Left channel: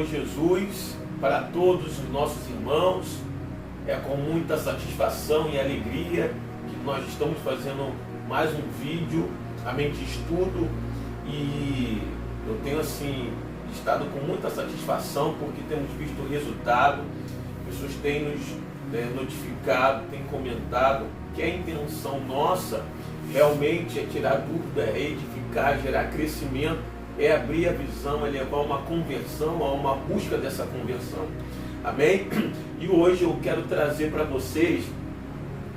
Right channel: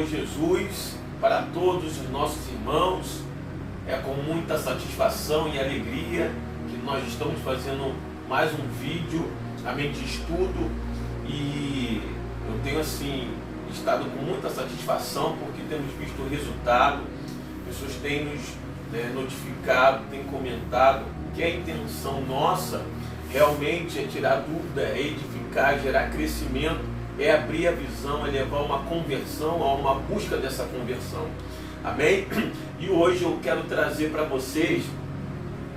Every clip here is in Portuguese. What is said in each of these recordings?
Senhor Jesus para todos os nossos irmãos. É com muita satisfação e alegria que nós estamos fazendo mais um vídeo, amém, de estudo, e eu tenho estado com muita satisfação porque temos visto o resultado. Pessoas têm nos notificado, têm comentado que a intenção nossa realmente é tirar dúvida, é edificar, gerar crescimento, é abrir a visão, é levar uma conversão, a uma busca dessa conversão. Amém? E hoje eu quero trazer para vocês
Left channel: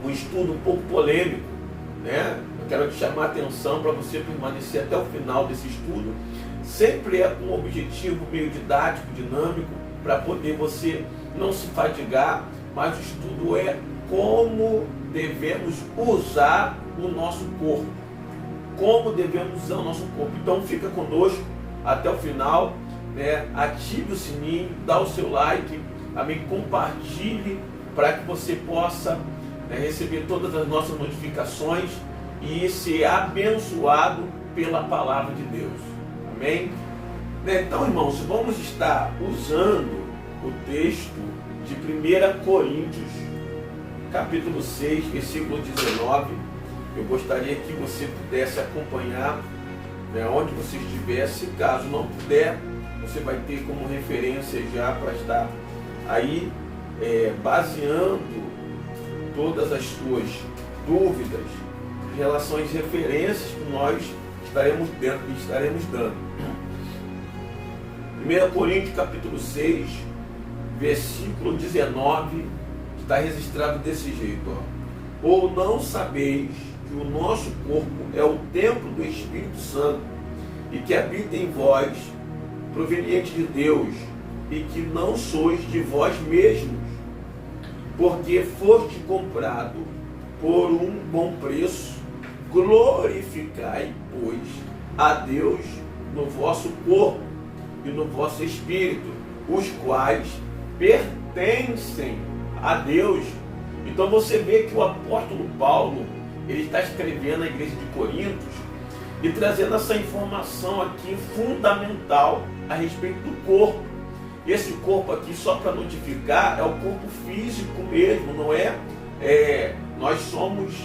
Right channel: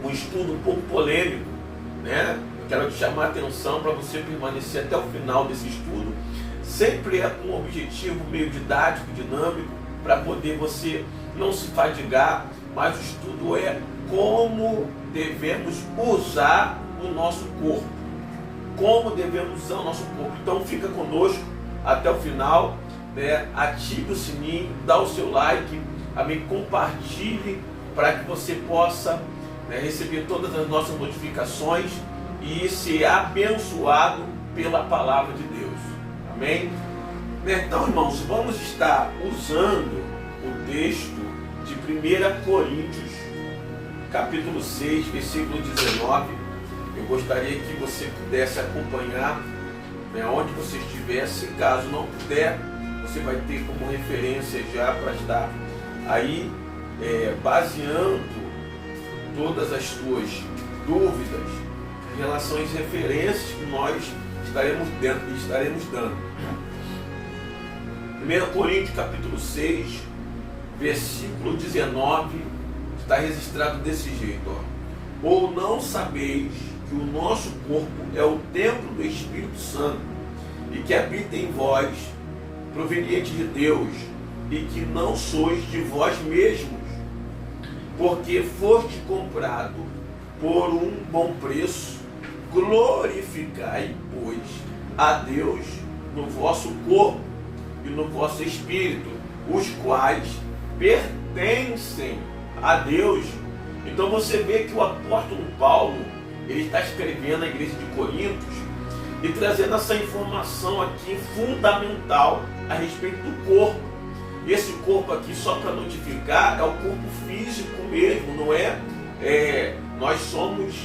um estudo um pouco polêmico, né? Eu quero te chamar a atenção para você permanecer até o final desse estudo. Sempre é com um objetivo meio didático, dinâmico, para poder você não se fadigar, mas o estudo é como devemos usar o nosso corpo. Como devemos usar o nosso corpo. Então fica conosco até o final, né? Ative o sininho, dá o seu like, amém? Compartilhe para que você possa, né, receber todas as nossas notificações e ser abençoado pela palavra de Deus. Amém? Então, irmãos, vamos estar usando o texto de 1 Coríntios, capítulo 6, versículo 19. Eu gostaria que você pudesse acompanhar, né, onde você estiver. Se caso não puder, você vai ter como referência já para estar aí baseando todas as suas dúvidas em relação às referências que nós estaremos dando. 1 Coríntios capítulo 6, versículo 19, está registrado desse jeito, ó. Ou não sabeis que o nosso corpo é o templo do Espírito Santo e que habita em vós, proveniente de Deus, e que não sois de vós mesmos, porque foste comprado por um bom preço. Glorificai, pois, a Deus no vosso corpo e no vosso espírito, os quais pertencem a Deus. Então você vê que o apóstolo Paulo, ele está escrevendo à igreja de Coríntios e trazendo essa informação aqui fundamental a respeito do corpo. Esse corpo aqui, só para notificar, é o corpo físico mesmo, não é? Nós somos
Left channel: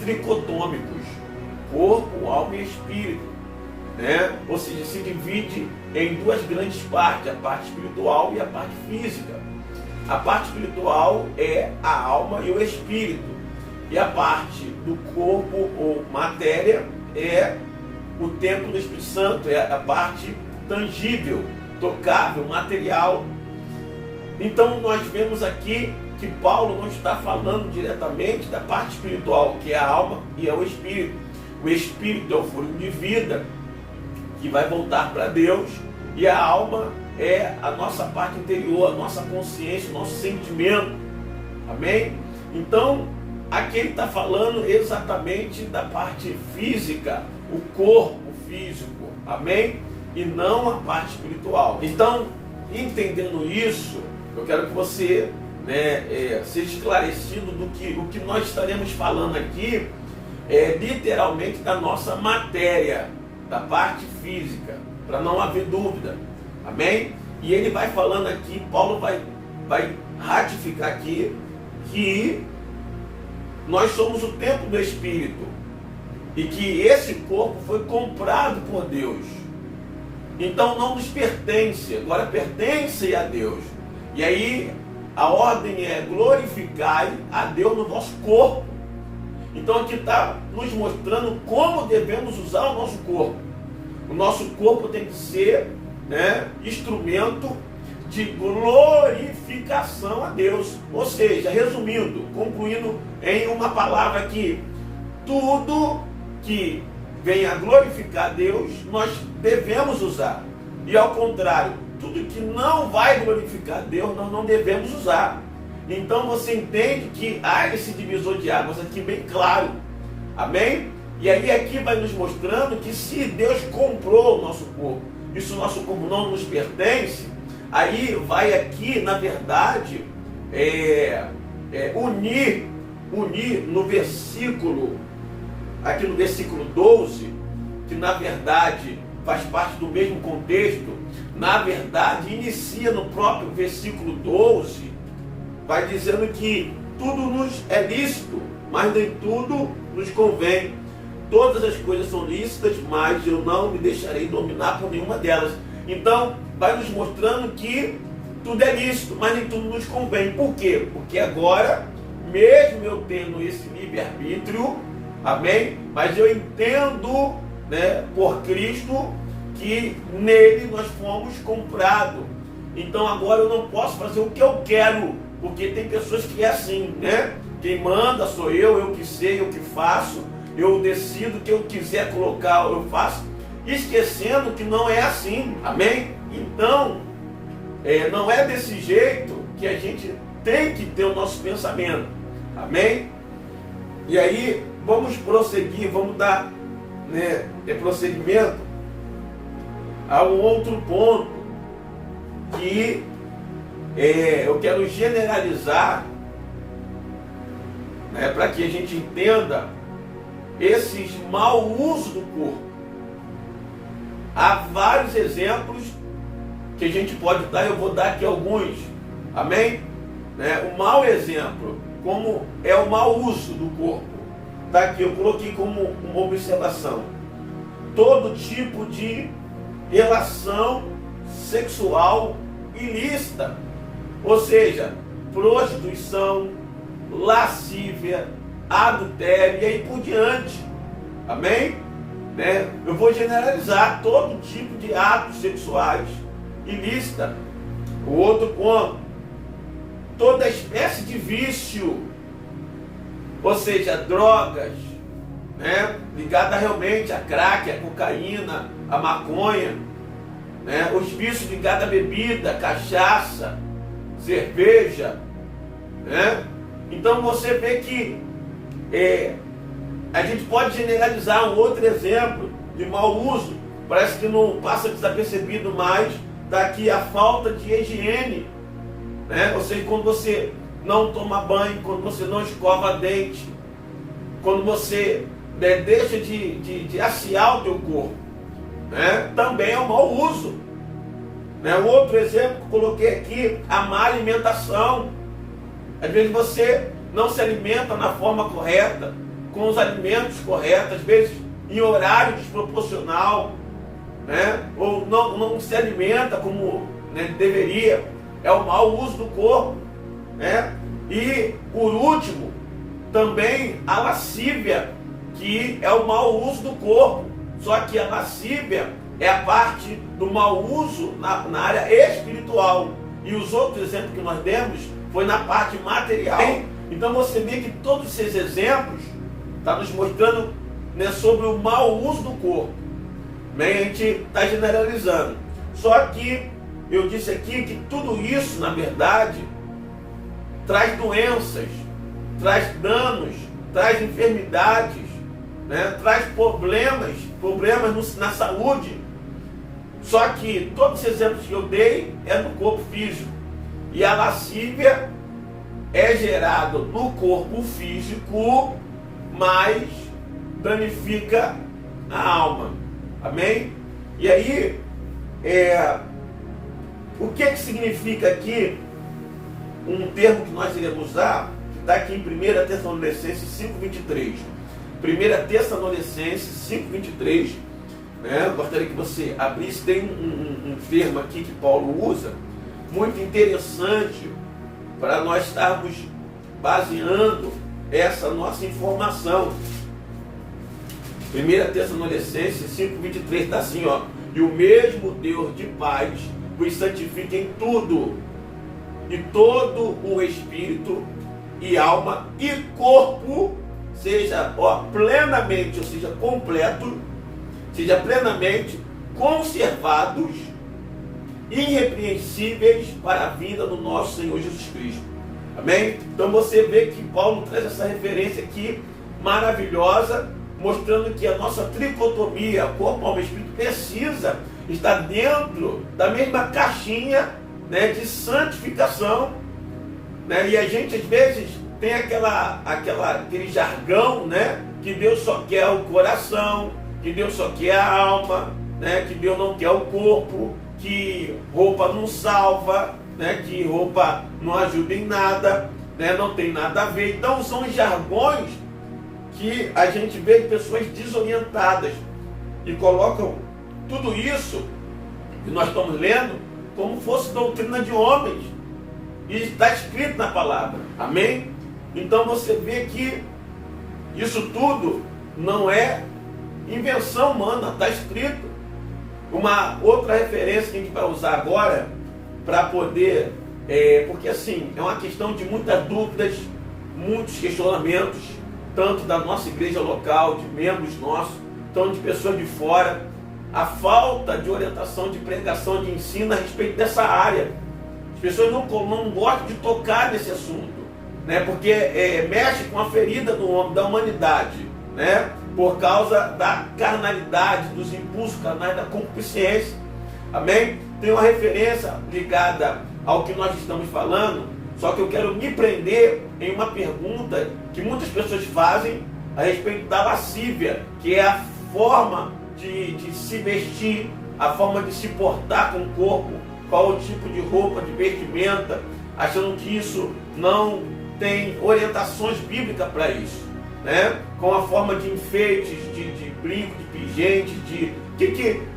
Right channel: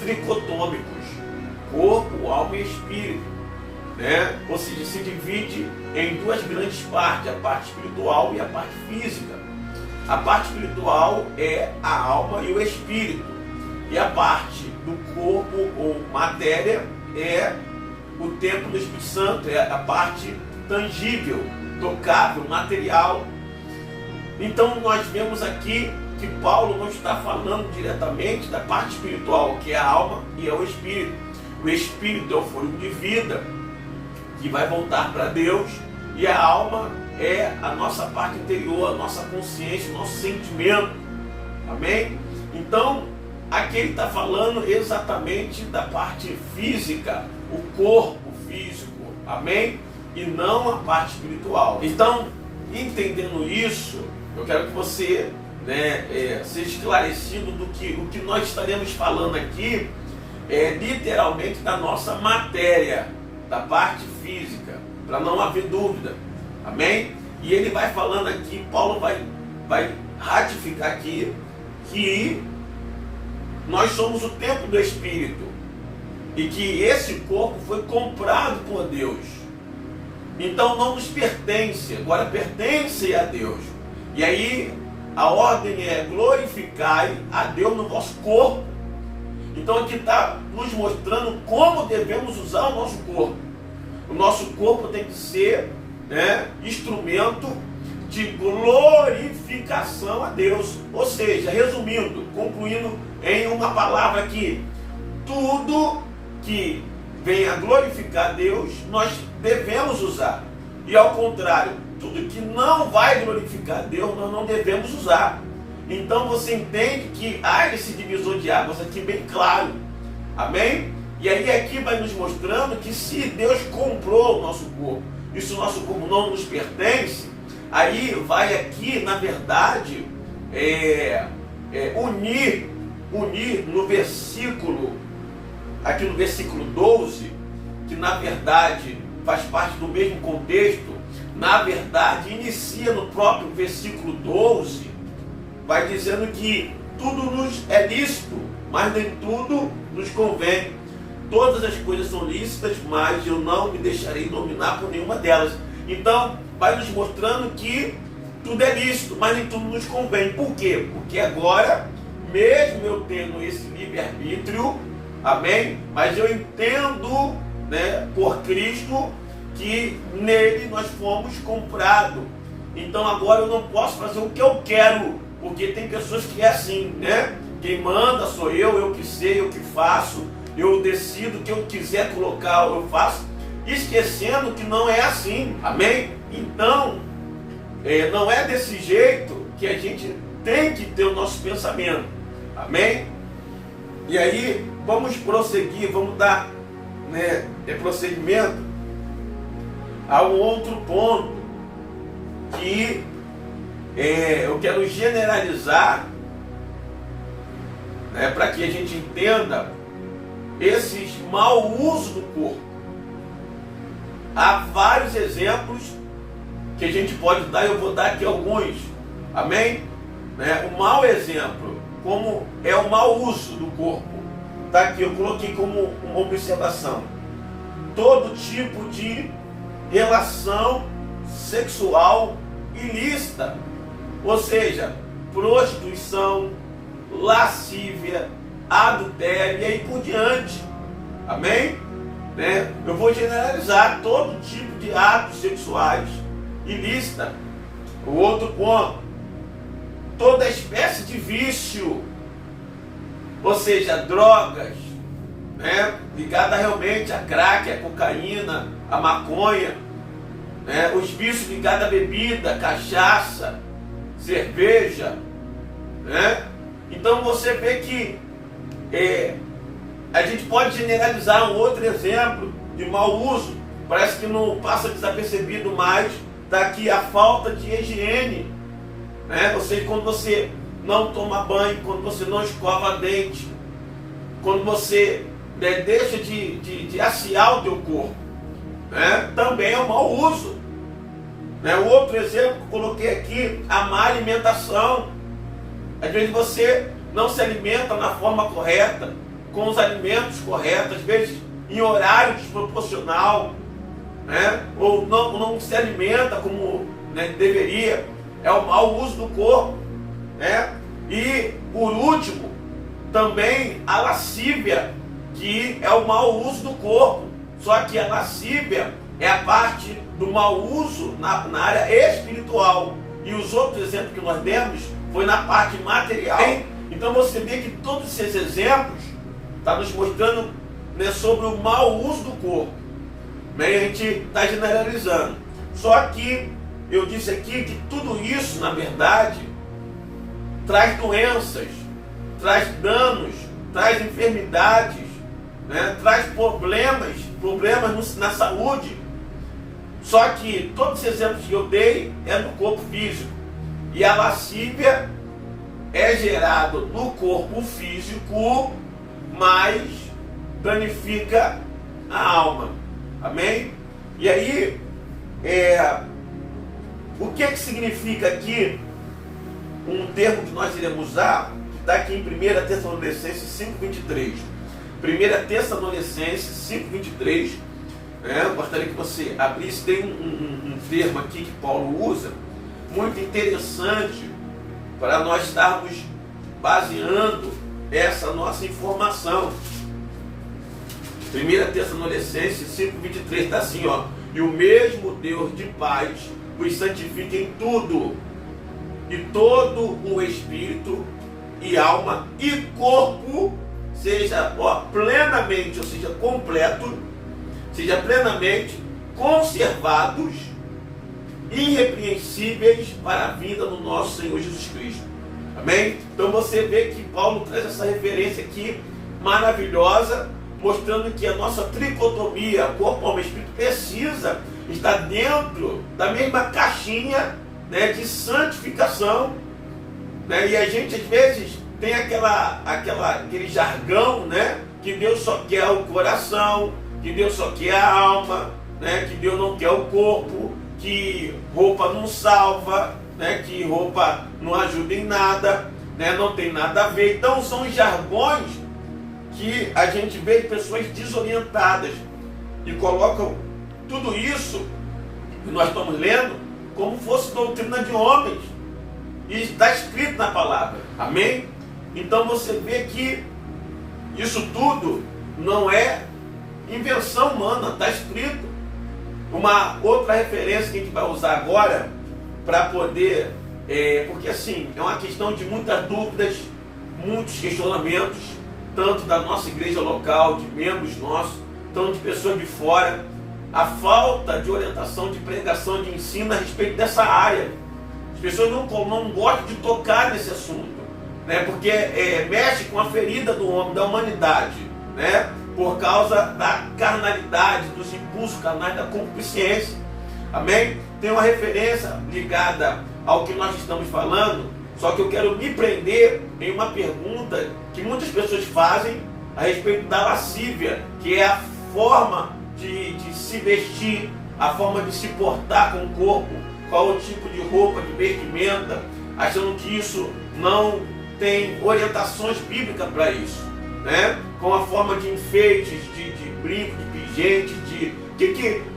tricotômicos, corpo, alma e espírito, né? Ou seja, se divide em duas grandes partes, a parte espiritual e a parte física. A parte espiritual é a alma e o espírito, e a parte do corpo ou matéria é o templo do Espírito Santo, é a parte tangível, tocável, material. Então nós vemos aqui que Paulo não está falando diretamente da parte espiritual, que é a alma e é o espírito. O espírito é o fôlego de vida, que vai voltar para Deus, e a alma é a nossa parte interior, a nossa consciência, o nosso sentimento. Amém? Então, aqui ele está falando exatamente da parte física, o corpo físico. Amém? E não a parte espiritual. Então, entendendo isso, eu quero que você, seja esclarecido do que o que nós estaremos falando aqui é literalmente da nossa matéria, da parte física, para não haver dúvida. Amém? E ele vai falando aqui, Paulo vai ratificar aqui que nós somos o templo do Espírito e que esse corpo foi comprado por Deus. Então não nos pertence, agora pertence a Deus. E aí a ordem é glorificai a Deus no vosso corpo. Então aqui está nos mostrando como devemos usar o nosso corpo. O nosso corpo tem que ser, instrumento de glorificação a Deus. Ou seja, resumindo, concluindo em uma palavra aqui, tudo que venha glorificar a Deus, nós devemos usar. E ao contrário, tudo que não vai glorificar a Deus, nós não devemos usar. Então você entende que há esse divisor de águas aqui bem claro. Amém? E aí aqui vai nos mostrando que se Deus comprou o nosso corpo, e se o nosso corpo não nos pertence, aí vai aqui, na verdade, unir no versículo, aqui no versículo 12, que na verdade faz parte do mesmo contexto, na verdade, inicia no próprio versículo 12, vai dizendo que tudo nos é lícito, mas nem tudo nos convém. Todas as coisas são lícitas, mas eu não me deixarei dominar por nenhuma delas. Então, vai nos mostrando que tudo é lícito, mas nem tudo nos convém. Por quê? Porque agora, mesmo eu tendo esse livre-arbítrio, amém? Mas eu entendo, né, por Cristo, que nele nós fomos comprados. Então agora eu não posso fazer o que eu quero, porque tem pessoas que é assim, né? Quem manda sou eu que sei, eu que faço, eu decido o que eu quiser colocar, eu faço, esquecendo que não é assim, amém? Então, não é desse jeito que a gente tem que ter o nosso pensamento, amém? E aí, vamos prosseguir, vamos dar, né, prosseguimento a um outro ponto que eu quero generalizar, né, para que a gente entenda esses mau uso do corpo. Há vários exemplos que a gente pode dar, eu vou dar aqui alguns, amém? Né? O mau exemplo, como é o mau uso do corpo, está aqui, eu coloquei como uma observação. Todo tipo de relação sexual ilícita, ou seja, prostituição, lascívia, adultério e aí por diante, amém? Né? Eu vou generalizar todo tipo de atos sexuais ilícita. O outro ponto, toda espécie de vício, ou seja, drogas, né, ligada realmente a crack, a cocaína, a maconha, né, os vícios ligados à bebida, cachaça, cerveja, né? Então você vê que a gente pode generalizar um outro exemplo de mau uso, parece que não passa desapercebido mais, daqui a falta de higiene, né? Ou seja, quando você não toma banho, quando você não escova dente, quando você deixa de assear o teu corpo, né? Também é um mau uso, né? O outro exemplo que eu coloquei aqui, a má alimentação. Às vezes você não se alimenta na forma correta, com os alimentos corretos, às vezes em horário desproporcional, né? Ou não se alimenta como, né, deveria. É o mau uso do corpo, né? E por último, também a lascívia, que é o mau uso do corpo. Só que a lascívia é a parte do mau uso na área espiritual. E os outros exemplos que nós demos foi na parte material. Então você vê que todos esses exemplos estão nos mostrando, né, sobre o mau uso do corpo. Bem, a gente está generalizando. Só que eu disse aqui que tudo isso, na verdade, traz doenças, traz danos, traz enfermidades, né? Traz problemas na saúde. Só que todos os exemplos que eu dei é no corpo físico. E a lascívia é gerada no corpo físico, mas danifica a alma. Amém? E aí, o que significa aqui um termo que nós iremos usar, que está aqui em 1 Tessalonicenses 5:23. 1 Tessalonicenses 5:23, né? Eu gostaria que você abrisse, tem um termo aqui que Paulo usa, muito interessante, para nós estarmos baseando essa nossa informação. 1 Tessalonicenses 5:23 está assim, ó: e o mesmo Deus de paz vos santifique em tudo, e todo o espírito e alma e corpo seja, plenamente, ou seja, completo, seja plenamente conservados, irrepreensíveis para a vinda do nosso Senhor Jesus Cristo. Amém? Então você vê que Paulo traz essa referência aqui maravilhosa, mostrando que a nossa tricotomia, corpo, alma e espírito, precisa estar dentro da mesma caixinha, né, de santificação, né? E a gente às vezes tem aquele jargão, né, que Deus só quer o coração, que Deus só quer a alma, né, que Deus não quer o corpo, que roupa não salva, né, que roupa não ajuda em nada, né, não tem nada a ver. Então são os jargões que a gente vê de pessoas desorientadas e colocam tudo isso que nós estamos lendo como fosse doutrina de homens. E está escrito na palavra. Amém? Então você vê que isso tudo não é invenção humana, está escrito. Uma outra referência que a gente vai usar agora para poder, porque assim, é uma questão de muitas dúvidas, muitos questionamentos, tanto da nossa igreja local, de membros nossos, tanto de pessoas de fora, a falta de orientação, de pregação, de ensino a respeito dessa área. As pessoas não gostam de tocar nesse assunto, né? Porque mexe com a ferida do homem, da humanidade, né? Por causa da carnalidade, dos impulsos carnais, da concupiscência. Amém? Tem uma referência ligada ao que nós estamos falando, só que eu quero me prender em uma pergunta que muitas pessoas fazem a respeito da lascívia, que é a forma de se vestir, a forma de se portar com o corpo, qual o tipo de roupa, de vestimenta, achando que isso não tem orientações bíblicas para isso, né? Com a forma de enfeites, de brinco, de pingente,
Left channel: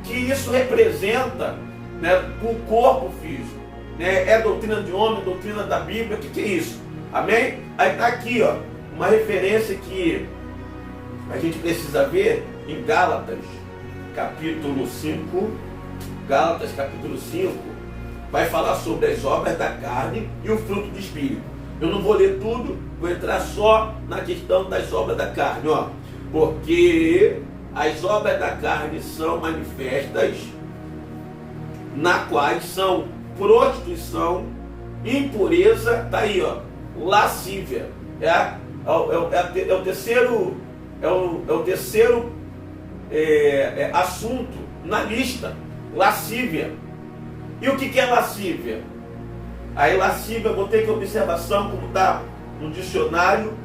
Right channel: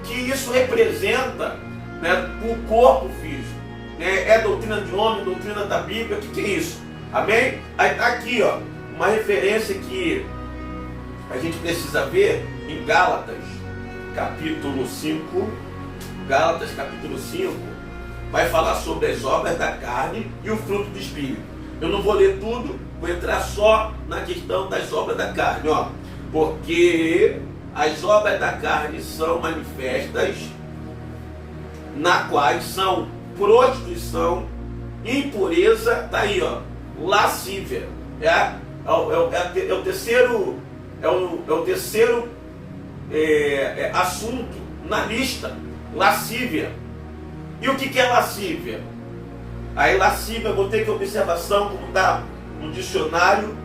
que isso representa, né, o corpo físico, né? É doutrina de homem, doutrina da Bíblia, o que é isso? Amém? Aí está aqui, ó, uma referência que a gente precisa ver em Gálatas, capítulo 5, Gálatas capítulo 5, vai falar sobre as obras da carne e o fruto do Espírito. Eu não vou ler tudo, vou entrar só na questão das obras da carne, ó. Porque as obras da carne são manifestas, na quais são prostituição, impureza, tá aí, ó, lascívia. É o terceiro assunto na lista, lascívia. E o que é lascívia? Aí lascívia, eu botei aqui observação, como está no dicionário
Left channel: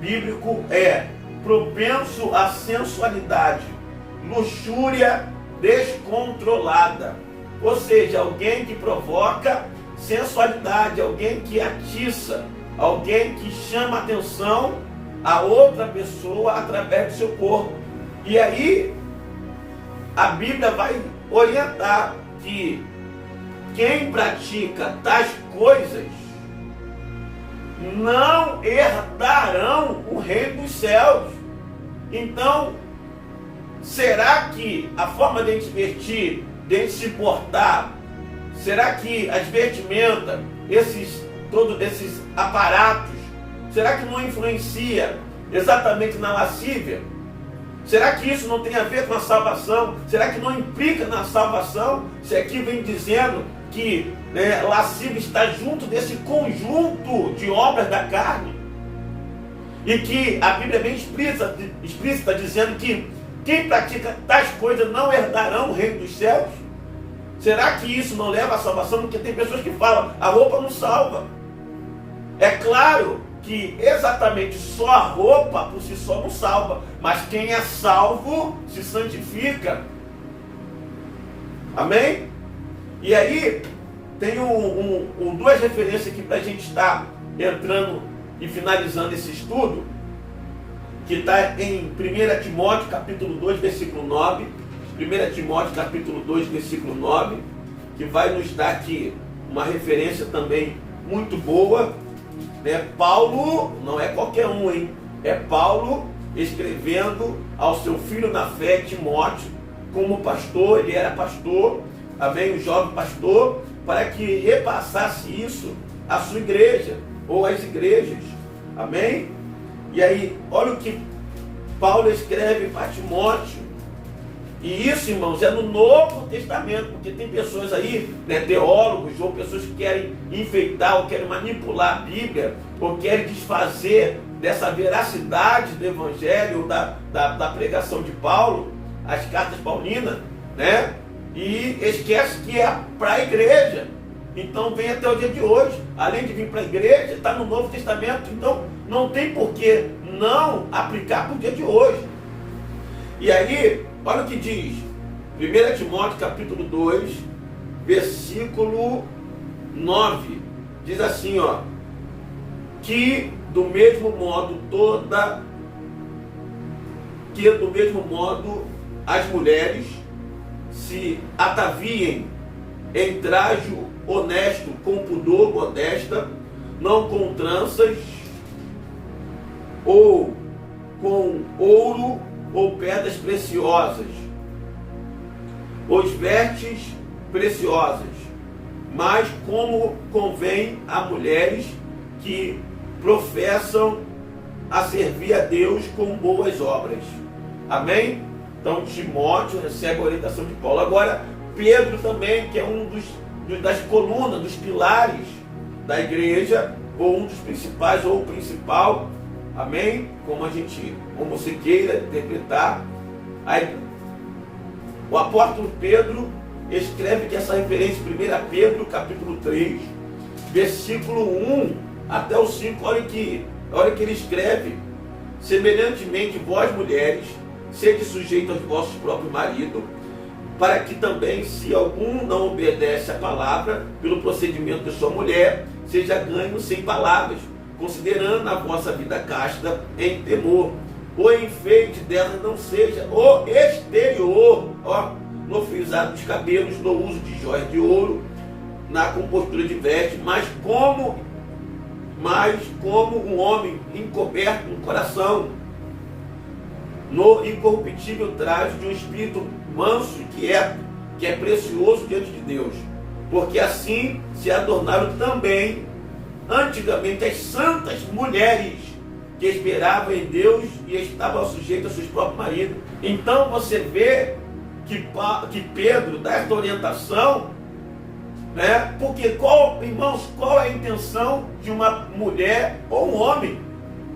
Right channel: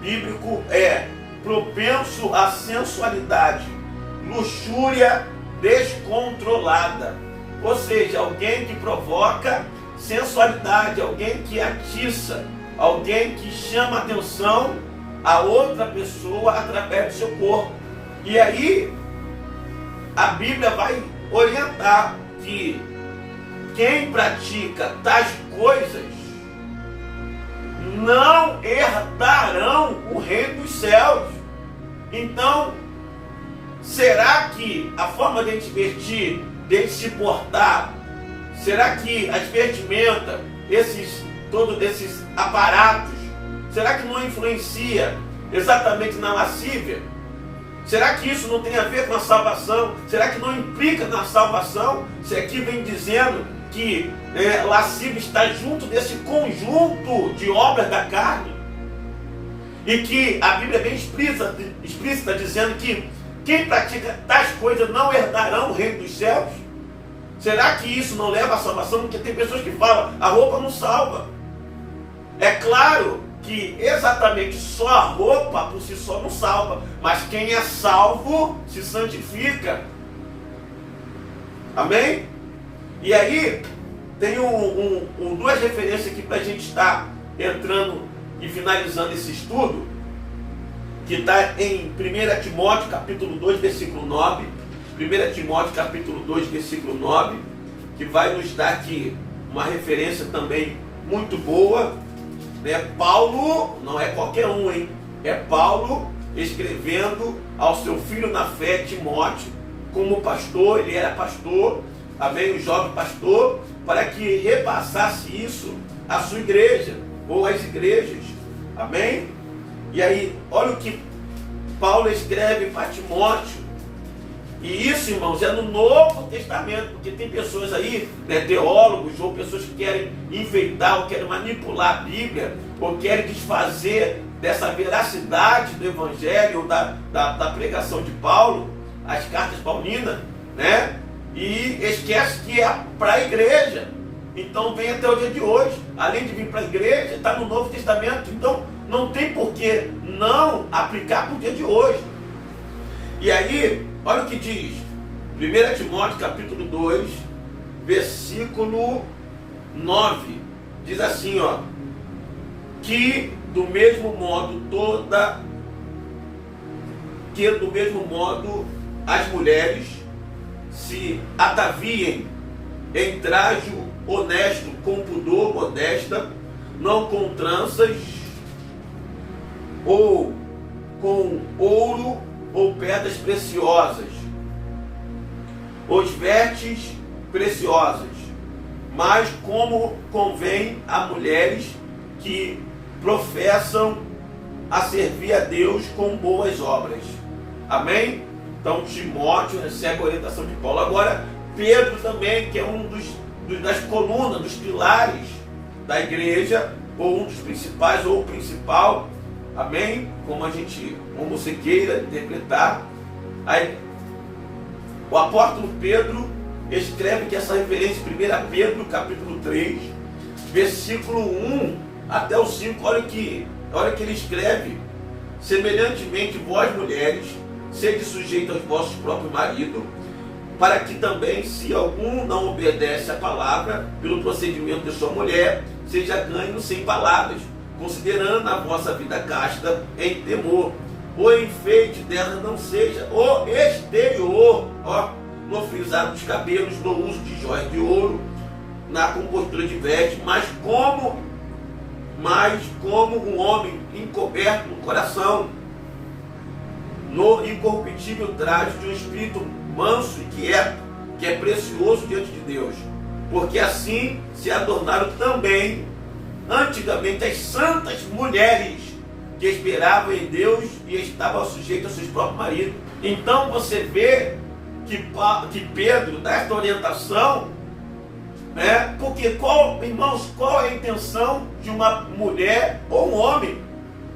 bíblico, é propenso à sensualidade, luxúria descontrolada. Ou seja, alguém que provoca sensualidade, alguém que atiça, alguém que chama atenção a outra pessoa através do seu corpo. E aí, a Bíblia vai orientar que quem pratica tais coisas não herdarão o reino dos céus. Então, será que a forma de a gente vestir, de a gente se portar, será que as vestimentas, todos esses aparatos, será que não influencia exatamente na lascívia? Será que isso não tem a ver com a salvação? Será que não implica na salvação? Se aqui vem dizendo que lascívia está junto desse conjunto de obras da carne, e que a Bíblia é bem explícita dizendo que quem pratica tais coisas não herdarão o reino dos céus. Será que isso não leva à salvação? Porque tem pessoas que falam, a roupa não salva. É claro que exatamente só a roupa por si só não salva, mas quem é salvo se santifica. Amém? E aí, tem duas referências aqui para a gente estar entrando e finalizando esse estudo, que está em 1 Timóteo, capítulo 2, versículo 9. 1 Timóteo, capítulo 2, versículo 9, que vai nos dar aqui uma referência também muito boa. Paulo, não é qualquer um, hein? É Paulo escrevendo ao seu filho na fé, Timóteo, como pastor, ele era pastor, amém, um jovem pastor, para que repassasse isso à sua igreja, ou às igrejas, amém? E aí, olha o que Paulo escreve para Timóteo. E isso, irmãos, é no Novo Testamento, porque tem pessoas aí, teólogos, ou pessoas que querem enfeitar, ou querem manipular a Bíblia, ou querem desfazer dessa veracidade do Evangelho, ou da pregação de Paulo, as cartas paulinas, né? E esquece que é para a igreja. Então vem até o dia de hoje. Além de vir para a igreja, está no Novo Testamento. Então não tem por que não aplicar para o dia de hoje. E aí, olha o que diz 1 Timóteo capítulo 2, versículo 9, diz assim, ó, que do mesmo modo as mulheres se ataviem em traje honesto, com pudor, modesta, não com tranças, ou com ouro ou pedras preciosas, os vestes preciosas, mas como convém a mulheres que professam a servir a Deus com boas obras. Amém? Então Timóteo recebe a orientação de Paulo. Agora Pedro também, que é das colunas, dos pilares da igreja, ou um dos principais, ou o principal, amém? Como você queira interpretar. Aí, o apóstolo Pedro escreve que essa referência, 1 Pedro capítulo 3, versículo 1 até o 5, olha que ele escreve: semelhantemente vós mulheres, sede sujeitos aos vossos próprios maridos, para que também, se algum não obedece à palavra, pelo procedimento de sua mulher, seja ganho sem palavras, considerando a vossa vida casta em temor. O enfeite dela não seja o exterior, no frisado dos cabelos, no uso de joias de ouro, na compostura de vestes, mas como um homem encoberto no coração, no incorruptível traje de um espírito manso e quieto, que é precioso diante de Deus, porque assim se adornaram também antigamente as santas mulheres que esperavam em Deus e estavam sujeitas aos seus próprios maridos. Então você vê que Pedro dá essa orientação, né? Porque irmãos, qual é a intenção de uma mulher ou um homem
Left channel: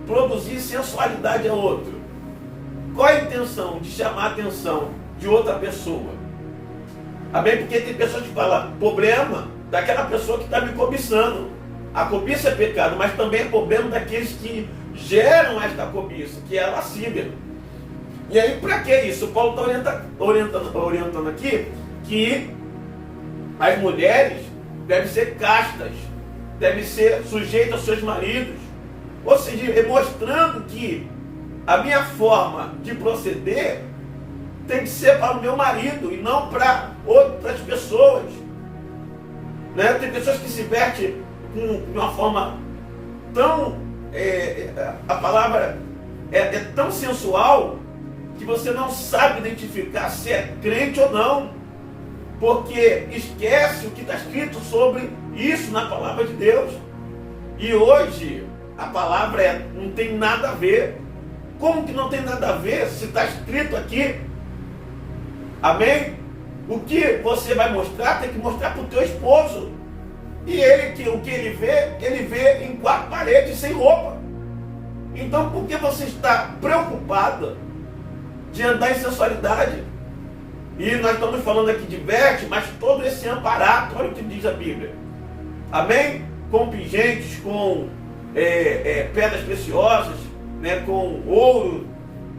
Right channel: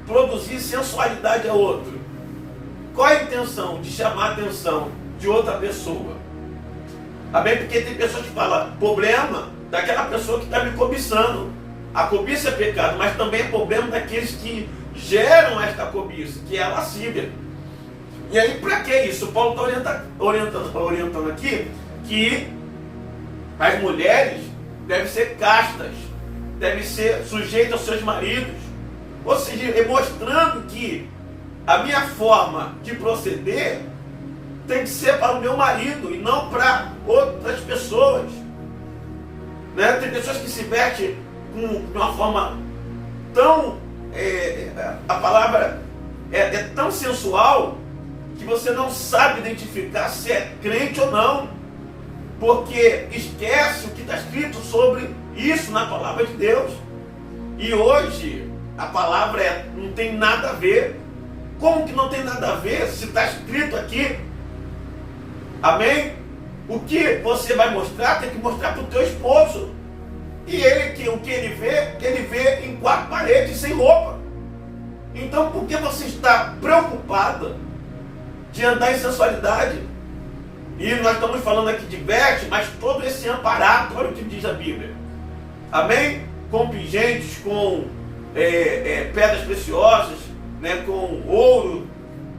produzir sensualidade a outro? Qual é a intenção de chamar a atenção de outra pessoa? Amém? Porque tem pessoas que falam, problema daquela pessoa que está me cobiçando. A cobiça é pecado, mas também é problema daqueles que geram esta cobiça, que é a lascívia. E aí, para que isso? Paulo está orientando aqui que as mulheres devem ser castas, devem ser sujeitas aos seus maridos. Ou seja, mostrando que a minha forma de proceder tem que ser para o meu marido e não para outras pessoas. Né? Tem pessoas que se vestem de uma forma tão... a palavra é tão sensual que você não sabe identificar se é crente ou não, porque esquece o que está escrito sobre isso na palavra de Deus. E hoje a palavra não tem nada a ver. Como que não tem nada a ver se está escrito aqui? Amém? O que você vai mostrar, tem que mostrar para o teu esposo. E o que ele vê em quatro paredes, sem roupa. Então por que você está preocupada de andar em sensualidade? E nós estamos falando aqui de veste, mas todo esse amparato, olha o que diz a Bíblia. Amém? Com pingentes, com pedras preciosas, né, com ouro,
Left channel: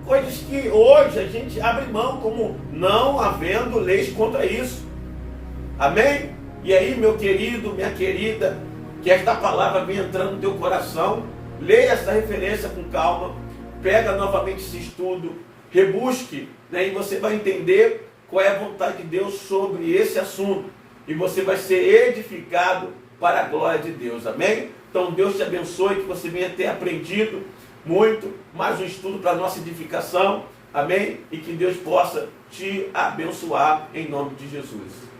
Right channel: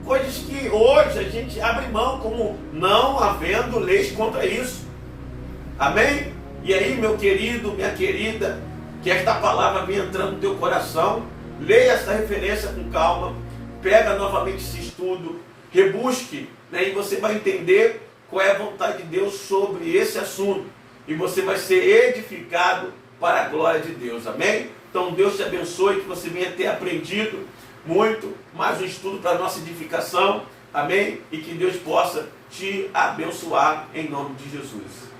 coisas que hoje a gente abre mão, como não havendo leis contra isso. Amém? E aí, meu querido, minha querida, que esta palavra venha entrando no teu coração, leia essa referência com calma, pega novamente esse estudo, rebusque, né, e você vai entender qual é a vontade de Deus sobre esse assunto. E você vai ser edificado para a glória de Deus. Amém? Então Deus te abençoe, que você venha ter aprendido muito, mais um estudo para a nossa edificação. Amém? E que Deus possa te abençoar em nome de Jesus.